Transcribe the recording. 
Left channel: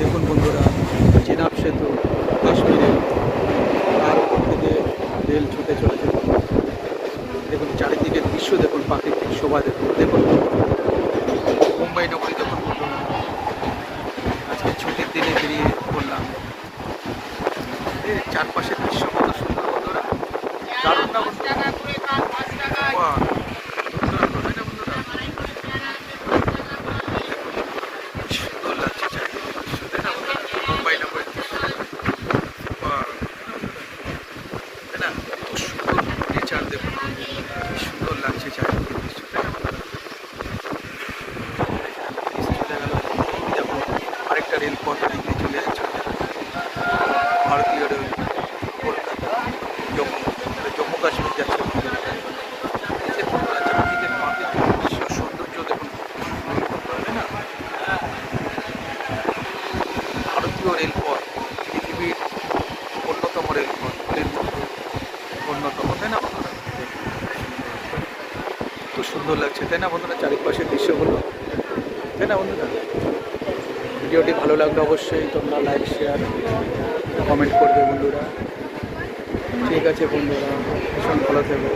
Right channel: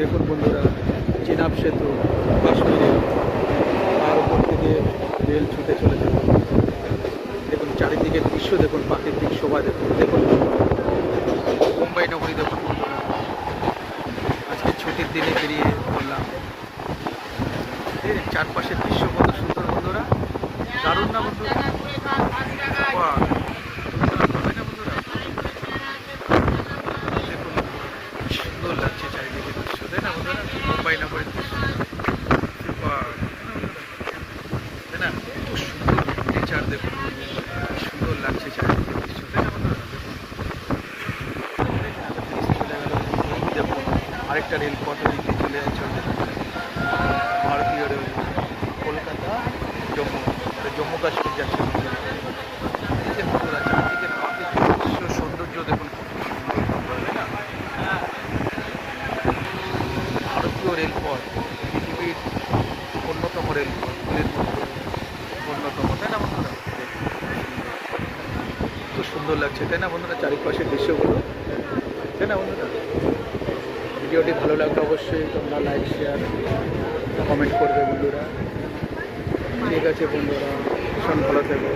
দেখুন বন্ধুরা, চেনাব সেতু কাশ্মীরে, তার উপর থেকে রেল ছুটে চলেছে। দেখুন চারিদিকে দৃশ্য দেখুন, প্রাকৃতিক শোভা দেখুন। দেখুন মুম্বাই নগরী দেখুন বন্ধুরা, আজকে ছুটির দিনে বেরিয়ে পড়লাম। চারপাশের দৃশ্য কত সুন্দর বন্ধুরা, দারুণ না বন্ধুরা? বাহ, হবে না বন্ধুরা? দেখুন সুন্দর লাগছে চারিদিকে দৃশ্য, তাই না বন্ধুরা? মুম্বাই নগরীর দৃশ্য, বাহ, তাই না? এত সুন্দর নেচার দেখুন, সুন্দর লাগছে চারিদিকে দৃশ্য, তাই না বন্ধুরা? চলে গেল দেখুন, আরেকটা রেলপথ দিকে চলে যাচ্ছে ভারতীয় রেল, কলকাতা জম্মু, জম্মু কাশ্মীর যাচ্ছে বন্ধুরা। চারদিকে প্রাকৃতিক দৃশ্য সৌন্দর্য দেখুন, সুন্দর তাই না? ভারতীয় রেলপথ পৃথিবীর অন্যতম রেলপথের মধ্যে অন্যতম, তাই না বন্ধুরা? খুব সুন্দর লাগছে তাই না বন্ধুরা, চারিপাশের দৃশ্যগুলো, তাই না বন্ধুরা? ভিডিওটি ভালো লাগলে অবশ্যই তোমরা লাইক শেয়ার কমেন্ট করবে বন্ধুরা। ঠিক আছে বন্ধুরা, ভীষণ ভালো থেকো।